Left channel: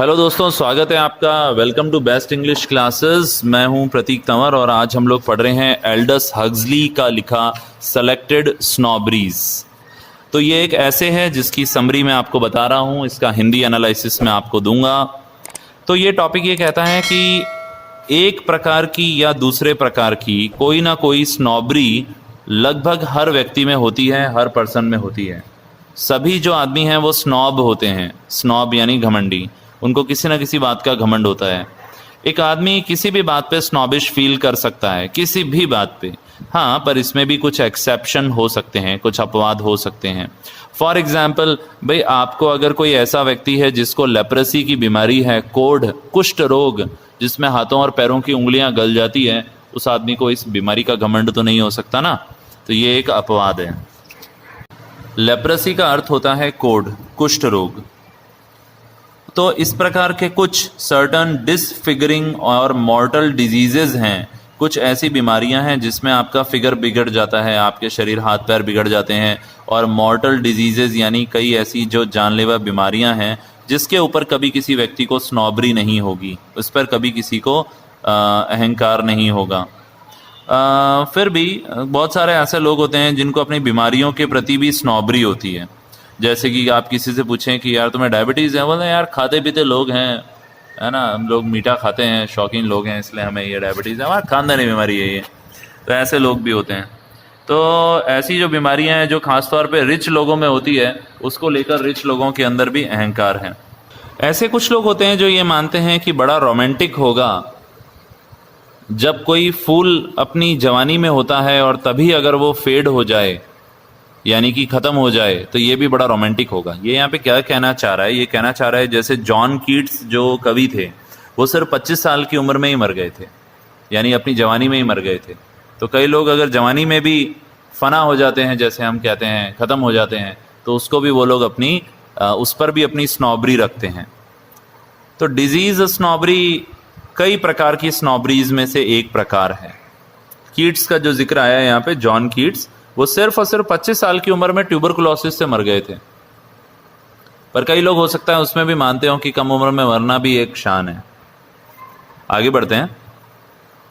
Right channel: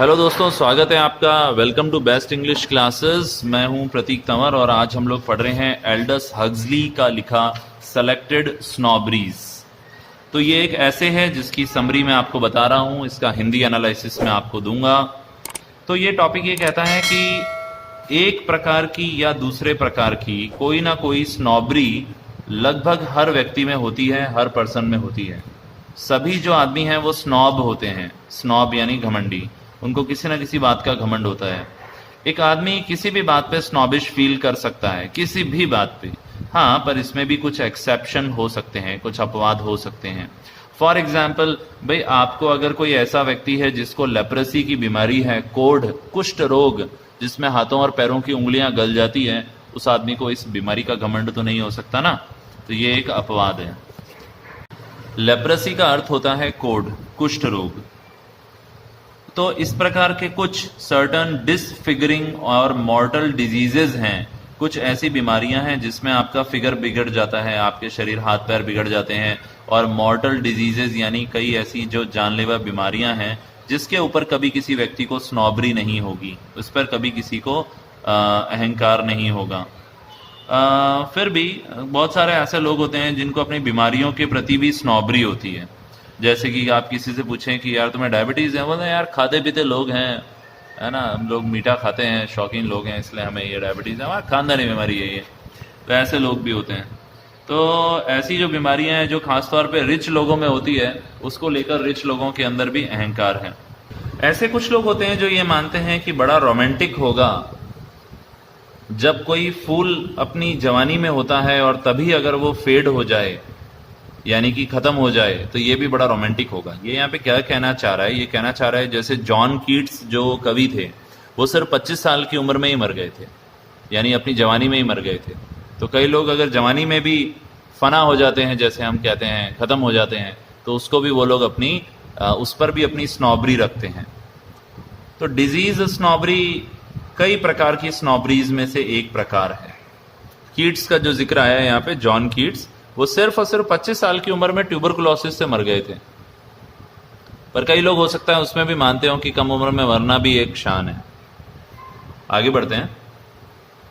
Hello दोस्तों, स्वागत है आपका। Welcome to best English classes. मैं हूं प्रतीक तंवर और आज हम लोग पढ़ रहे हैं एल्डस हक्सली का लिखा सेलेक्टेड स्नॉबरीज। तो ये एक ऐसे है जिसकी समरी मैं आपको बता रहा हूं, इसका हिंदी एनालिसिस मैं आपको दूंगा। तो ये टॉपिक ये कहता है कि एक प्रकार की या दूसरे प्रकार की कोई ना कोई स्नॉबरी लगभग हर व्यक्ति में होती है, हर पर्सन में होती है। सभी जो आदमी हैं वो स्नॉब होते हैं। स्नॉब यानी घमंडी, उनको किसी ना किसी बात का घमंड होता है। एक आदमी किसी भी बात पे स्नॉबिश फील कर सकता है, किसी भी बात पे। हाँ, पर इसमें भी कुछ एक्सेप्शन हो सकते हैं, कुछ अपवाद हो सकते हैं। फॉर एग्जाम्पल, भाई आपको अगर कोई ऐसा व्यक्ति है जिसको लेप्रेसी की बीमारी है, कोढ़, कुष्ठ रोग, जिसमें हाथों और पैरों की उंगलियां गल जाती है, उस आदमी को इस बीमारी का घमंड तो नहीं हो सकता ना। तो ये एक अपवाद है। लेप्रेसी का अर्थ होता है कोढ़, कुष्ठ रोग। तो इस प्रकार के कुछ सर्टन डिसफिगरिंग और मॉर्टल डिजीजेज हैं। कुछ ऐसी बीमारियां हैं जिसमें आपका फिगर बिगड़ जाता है, आपके शरीर हाथ पैर बिगड़ जाते हैं। और मॉर्टल डिजीजेज यानी कई ऐसी जो जानलेवा बीमारियां हैं जिसके ऊपर कभी किसी व्यक्ति को स्नॉबरी नहीं होगी, उस पर कभी किसी को अहंकार नहीं होगा। फिर भी बहुत सारे ऐसे लोग होते हैं जिनको अपनी बीमारियों के प्रति भी स्नॉबरी होती है। जैसे कि आप किसी से पूछें कि यार तुम्हें डायबिटीज़ है, बोले यार खाते पीते लोग हैं, है ना, हम लोग मीठा खाते हैं, शौकीन लोग हैं, इसलिए हमें ये डायबिटीज़ है, हमारा खानदानी बीमारी है ये। तो ऐसे लोग भी होते हैं। तो ऐसी जो बीमारियां हैं जो खासतौर पे रिच लोगों में होती है, उसको लेकर रिच लोगों के अंदर भी अहंकार है। ऐसे कुछ लोग होते हैं जो ये मानते हैं कि बड़ा रोमांटिक होगा जब कोई फूल अपनी जवानी में होता है और तभी अगर वो फेड हो जाए, यानी कि खत्म हो जाए, तो ये भी बड़ा रोमांटिक होगा। ये यहाँ पे क्या कहना चाह रहा है? ये कहना चाह रहा है जैसे जॉन कीट्स जो कवि थे, वो सिर्फ 25 साल की उम्र में ही मर गए थे, यानी अपनी जवानी में ही मर गए थे। तो कई लोग अगर जवानी में भी फना हो जाते हैं, जैसे हम कहते हैं, खत्म हो जाते हैं, तो उसको भी वो लोग अपनी उस पर भी अपनी स्नॉबरी रखते हैं। तो डिजीज स्नॉबरी कई प्रकार की स्नॉबरीज में से एक प्रकार है। कीट्स का जो जिक्र आया है यहाँ पे, जॉन कीट्स, वो सिर्फ और सिर्फ 25 साल की उम्र में ट्यूबरकुलोसिस से मर गए थे। पर कई लोग हो सकता है उसमें भी मानते हो कि कम उम्र में मरना भी एक शान है। आगे बढ़ते हैं।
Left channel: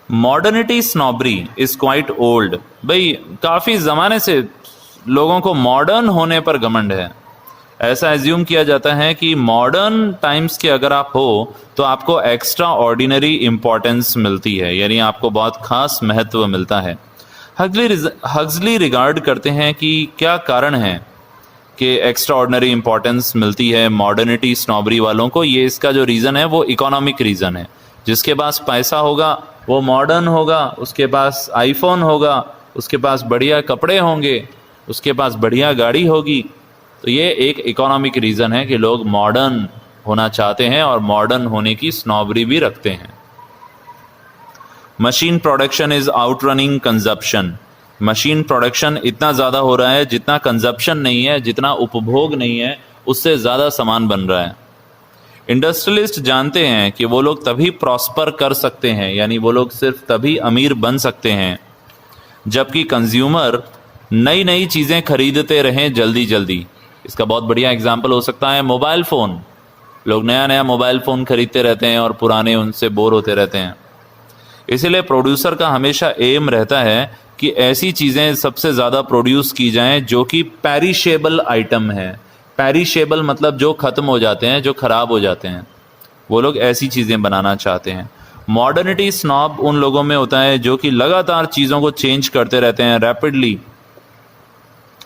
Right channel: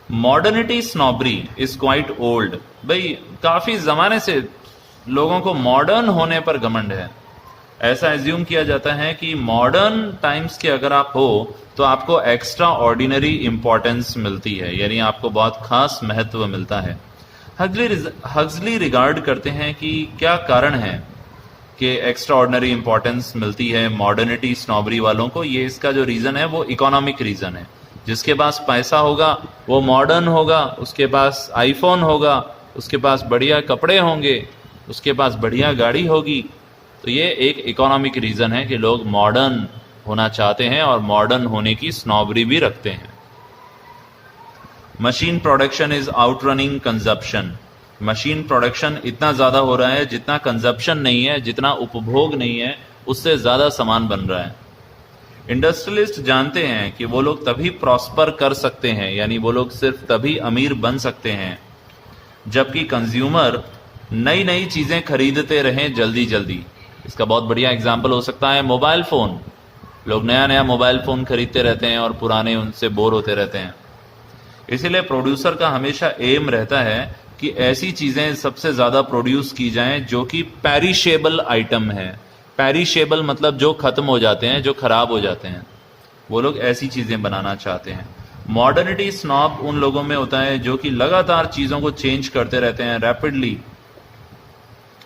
Modernity snobbery is quite old. भाई काफी जमाने से लोगों को मॉडर्न होने पर घमंड है। ऐसा एज्यूम किया जाता है कि मॉडर्न टाइम्स के अगर आप हो तो आपको एक्स्ट्रा ऑर्डिनरी इंपॉर्टेंस मिलती है, यानी आपको बहुत खास महत्व मिलता है। हक्सली रिगार्ड करते हैं कि क्या कारण है कि एक्स्ट्रा ऑर्डिनरी इंपॉर्टेंस मिलती है मॉडर्निटी स्नॉबरी वालों को। ये इसका जो रीज़न है वो इकोनॉमिक रीज़न है। जिसके पास पैसा होगा वो मॉडर्न होगा, उसके पास आईफोन होगा, उसके पास बढ़िया कपड़े होंगे, उसके पास बढ़िया गाड़ी होगी। तो ये एक इकोनॉमिक रीज़न है कि लोग मॉडर्न होना चाहते हैं और मॉडर्न होने की स्नॉबरी भी रखते हैं। Machine production is outrunning consumption. Machine production इतना ज़्यादा हो रहा है जितना कंजप्शन नहीं है, जितना उपभोग नहीं है, उससे ज़्यादा सामान बन रहा है। इंडस्ट्रियलिस्ट जानते हैं कि वो लोग तभी प्रॉस्पर कर सकते हैं, यानी वो लोग सिर्फ तभी अमीर बन सकते हैं जबकि कंज्यूमर नई नई चीज़ें खरीदते रहें जल्दी जल्दी। इसका बहुत बढ़िया एग्जाम्पल हो सकता है मोबाइल फ़ोन। लोग नया नया मोबाइल फ़ोन खरीदते रहते हैं और पुराने उनसे बोर होते रहते हैं। इसीलिए प्रोड्यूसर का हमेशा एम रहता है कि ऐसी चीज़ें सबसे ज़्यादा प्रोड्यूस की जाएं जो कि पेरिशेबल आइटम है। पेरिशेबल मतलब जो ख़त्म हो जाते हैं, जो ख़राब हो जाते हैं, वो लोग ऐसी चीज़ें बनाना चाहते हैं। मॉडर्निटी स्नॉब उन लोगों में होता है जो कि लगातार चीज़ों को चेंज करते रहते हैं रैपिडली,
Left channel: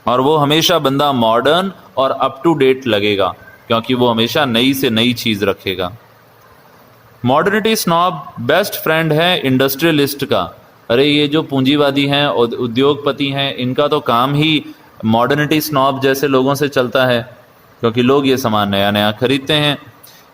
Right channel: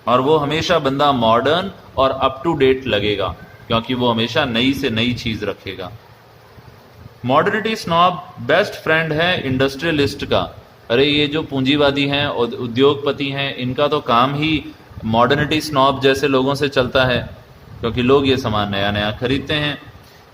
और वो हमेशा बंदा मॉडर्न और अप टू डेट लगेगा क्योंकि वो हमेशा नई से नई चीज़ रखेगा। मॉडर्निटी स्नॉब बेस्ट फ्रेंड है इंडस्ट्रियलिस्ट का। अरे ये जो पूंजीवादी हैं, उद्योगपति हैं, इनका तो काम ही मॉडर्निटी स्नॉब जैसे लोगों से चलता है, क्योंकि लोग ये सामान नया नया खरीदते हैं।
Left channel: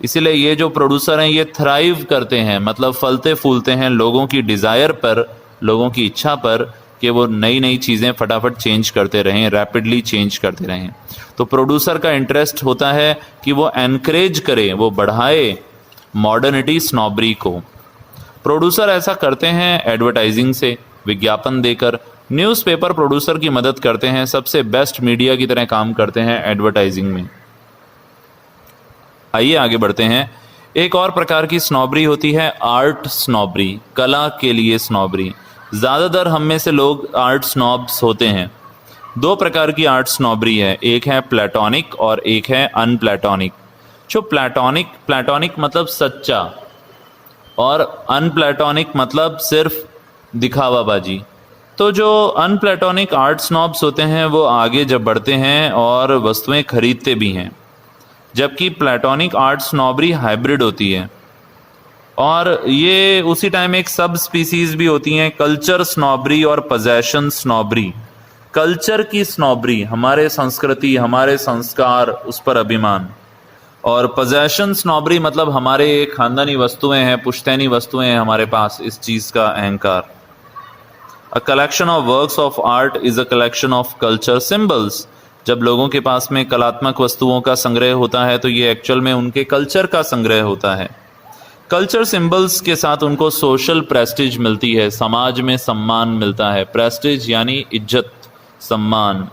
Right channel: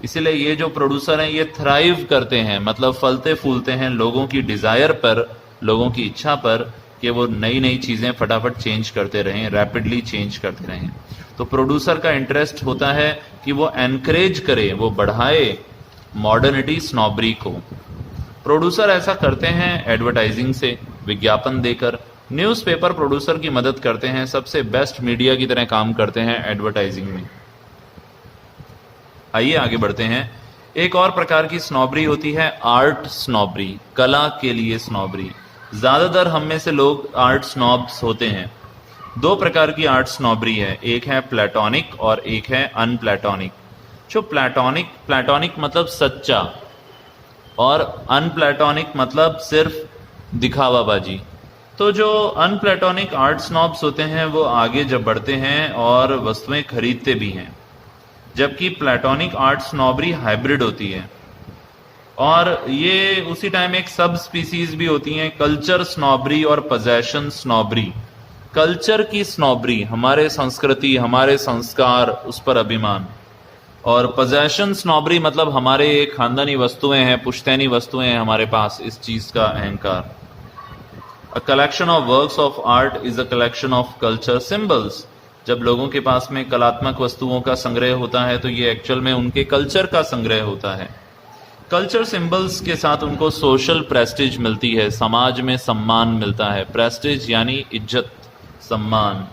इसीलिए ये जो प्रोड्यूसर हैं ये थ्राइव करते हैं, मतलब फलते फूलते हैं लोगों की डिज़ायर पर, लोगों की इच्छा पर कि वो नई नई चीज़ें फटाफट चेंज करते रहें, रैपिडली चेंज करते रहें। तो प्रोड्यूसर का इंटरेस्ट होता है कि वो एनकरेज करे, वो बढ़ाए मॉडर्निटी स्नॉबरी को। प्रोड्यूसर ऐसा करते हैं एडवर्टाइजिंग से, विज्ञापन देकर। न्यूज़पेपर प्रोड्यूसर की मदद करते हैं, सबसे बेस्ट मीडिया की तरह काम करते हैं एडवर्टाइजिंग में। आइए आगे बढ़ते हैं। एक और प्रकार की स्नॉबरी होती है आर्ट स्नॉबरी, कला के लिए स्नॉबरी। ज़्यादातर हम में से लोग आर्ट स्नॉब्स होते हैं। दो प्रकार की आर्ट स्नॉबरी है, एक है प्लेटोनिक और एक है अनप्लेटोनिक। जो प्लेटोनिक मतलब सच्चा और अनप्लेटोनिक मतलब सिर्फ दिखावाबाजी। तो जो अनप्लेटोनिक आर्ट स्नॉब्स होते हैं वो आगे जब बढ़ते हैं और वस्तुएं खरीदते भी हैं, जबकि प्लेटोनिक आर्ट स्नॉबरी हाइब्रिड होती है और ये उसी टाइम एक सब स्पीसीज भी होती हैं, कल्चर स्नॉबरी और पोजेशन स्नॉबरी। कल्चर की स्नॉबरी, हमारे संस्कृति, हमारे संस्कार, उस पर अभिमान। और पोजेशन स्नॉबरी मतलब हमारे खानदानी वस्तुएं हैं, पुश्तैनी वस्तुएं हैं हमारे पास, इस चीज का अहंकार। A collection of works of art is a collection of culture symbols. जब लोगों के पास में कलात्मक वस्तुओं का संग्रह होता है तो ये एक्चुअल में उनके कल्चर का संग्रह होता है। कल्चर सिंबल्स के साथ उनको सोशल प्रेस्टीज मिलती है, समाज में सम्मान मिलता है। प्रेस्टीज यानी इज्जत, सम्मान।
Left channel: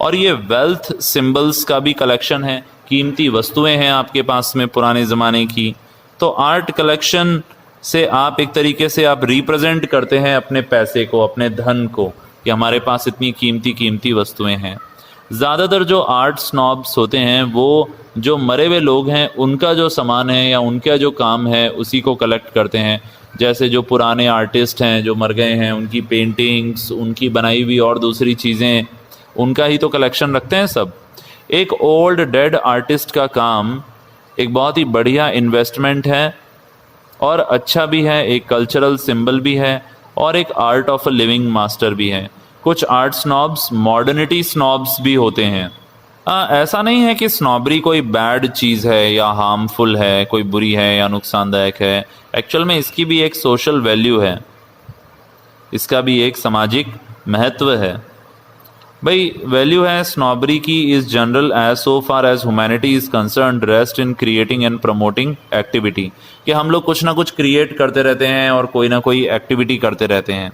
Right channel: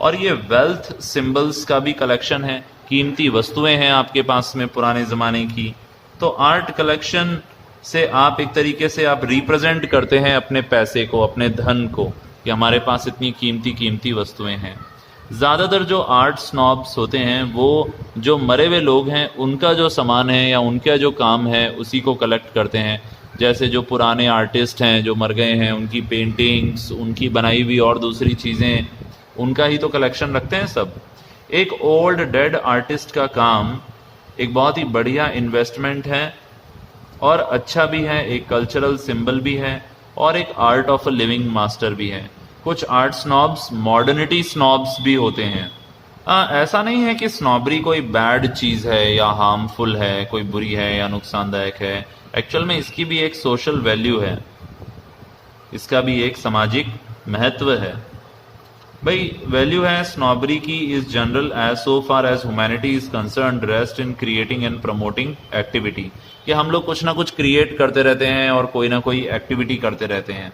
और ये वेल्थ सिंबल्स का भी कलेक्शन है, कीमती वस्तुएं हैं आपके पास में पुराने ज़माने की। तो आर्ट कलेक्शन से आप एक तरीके से आप रिप्रेजेंट करते हैं अपने पैसे को, अपने धन को, कि हमारे पास इतनी कीमती वस्तुएं हैं। ज़्यादातर जो आर्ट स्नॉब्स होते हैं वो जो मरे हुए लोग हैं उनका जो सामान है या उनका जो काम है उसी को कलेक्ट करते हैं। जैसे जो पुराने आर्टिस्ट हैं जो मर गए हैं, उनकी पेंटिंग्स, उनकी बनाई हुई और दूसरी चीज़ें, उनका ही तो कलेक्शन रखते हैं सब। एक ओल्ड डेड आर्टिस्ट का काम एक बहुत ही बढ़िया इन्वेस्टमेंट है और अच्छा भी है, एक कल्चरल सिंबल भी है और एक art of a living master भी है। कुछ आर्ट स्नॉब्स मॉडर्निटी स्नॉब्स भी होते हैं। ऐसा नहीं है कि स्नॉबरी कोई बैड चीज़ है या हार्मफुल है, कोई बुरी है या नुकसानदायक है। एक्चुअल में इसकी भी एक सोशल वैल्यू है, इसका भी एक सामाजिक महत्व है। भाई वैल्यू है स्नॉबरी की is general as so far as humanity is concern, rest in creating and promoting activity. कि हम लोग कुछ ना कुछ क्रिएट करते रहते हैं और कोई ना कोई एक्टिविटी करते रहते हैं।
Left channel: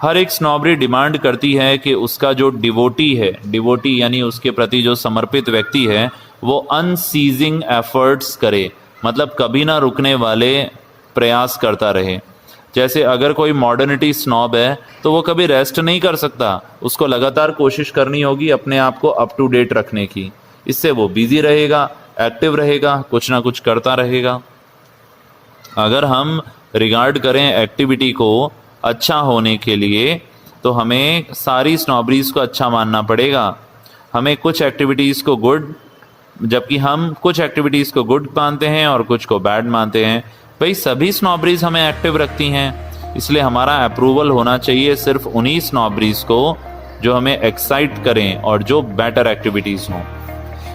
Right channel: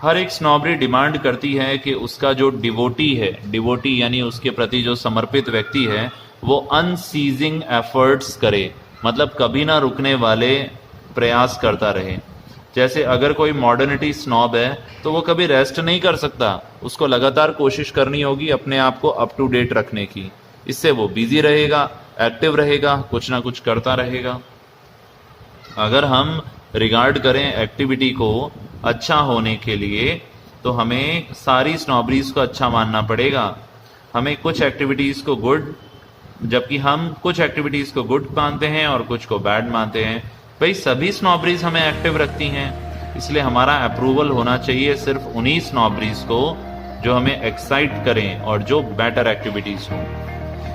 हर एक स्नॉबरी डिमांड करती है कि उसका जो डिवोटी है, डिवोटी यानी उसके प्रति जो समर्पित व्यक्ति है, वो अनसीजिंग एफर्ट्स करे, मतलब कभी ना रुकने वाले प्रयास करता रहे। जैसे अगर कोई मॉडर्निटी स्नॉब है तो वो कभी रेस्ट नहीं कर सकता, उसको लगातार कोशिश करनी होगी अपने आप को अप टू डेट रखने की। इससे वो बिजी रहेगा, एक्टिव रहेगा, कुछ ना कुछ करता रहेगा। अगर हम रिगार्ड करें एक्टिविटी को अच्छा होने के लिए तो हमें सारी स्नॉबरीज को अच्छा मानना पड़ेगा। हमें कुछ एक्टिविटीज़ को गुड, जबकि हम कुछ एक्टिविटीज़ को गुड मानते हैं और कुछ को बैड मानते हैं। भाई सभी स्नॉबरीज हमें एक्टिव रखती हैं, इसलिए हमारा अप्रूवल होना चाहिए सिर्फ उन्हीं स्नॉबरीज को जो हमें एक्साइट करें और जो बेटर एक्टिविटीज़ हों।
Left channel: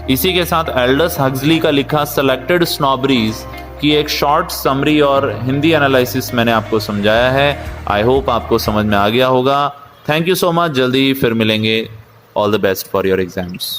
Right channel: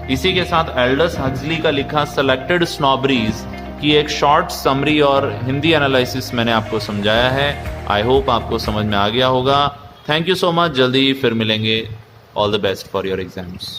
इसी के साथ एल्डस हक्सली का लिखा सेलेक्टेड स्नॉबरीज की एक शॉर्ट समरी और हिंदी एनालिसिस मैंने आपको समझाया है। आई होप आपको समझ में आ गया होगा। थैंक यू सो मच, जल्दी फिर मिलेंगे। All the best for your exams.